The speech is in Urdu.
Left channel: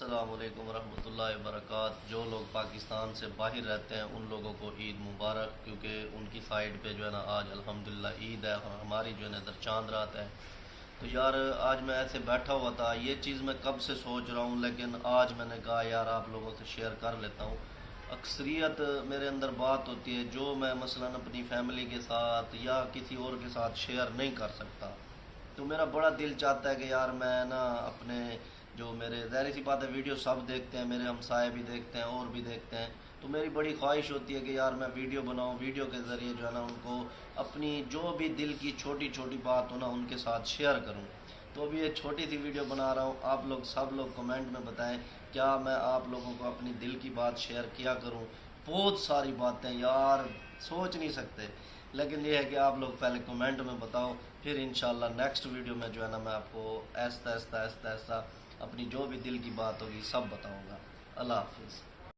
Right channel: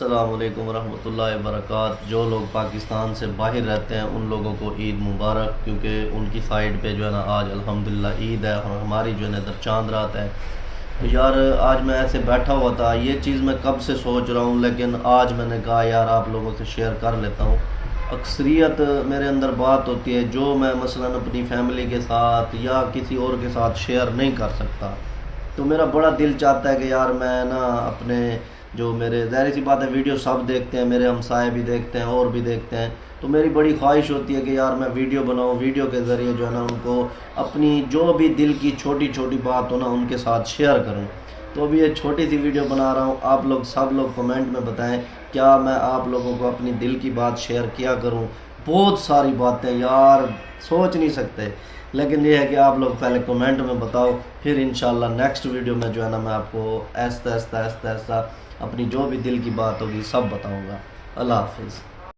السلام علیکم ورحمۃ اللہ وبرکاتہ۔ جو لوگ پاکستان سے باہر رہتے ہیں ان لوگوں کو عید مبارک، کیونکہ ان کی سائڈ پہ جو ہے نا آج الحمدللہ عید ہے اور ہماری جو ہے نا ادھر چاند رات ہے۔ تو یار آج میں ایسے بیٹھا ہوا تھا، یہ چیز میں کب سے سوچ رہا ہوں، لیکن آج میں نے کہا یار آپ لوگوں سے شیئر کر لیتا ہوں۔ اکثریت میرے اندر بات ہوتی ہے جو میں مثلاً اپنی فیملی کے ساتھ یا کسی اور کے ساتھ شیئر نہیں کر سکتا، تو میرا بڑا دل چاہتا ہے کہ یار میں نا اپنے جو میرے ظاہر سی بات ہے ویڈیو سب دیکھتے ہیں، میرے ہمسائے بھی دیکھتے ہیں اور بھی دیکھتے ہیں، تو میری بڑی خواہش ہوتی ہے کہ یار میں ویڈیو بناؤں، ویڈیو کے ذریعے جو ہے نا ان کو اپنی جو بھی دل کی چھوٹی چھوٹی بات ہو نا ان کے ساتھ شیئر کروں۔ تو ابھی یہ چھوٹی سی ویڈیو بنا رہا ہوں، آپ لوگ سب لوگ کمنٹ میں بتائیں کیا میں آپ لوگوں کو اپنی دل کی بات شیئر کیا کروں۔ بہت ساری باتیں یار سوچ نہیں سکتے، لیکن یہ ہے کہ آپ لوگ پہلے کمنٹ میں بتاؤ، پھر انشاءاللہ نیکسٹ ویڈیو میں جو ہے نا میں آپ کو آہستہ آہستہ اپنی جو بھی دل کی بات ہوگی سب بتاؤں گا۔ اللہ حافظ۔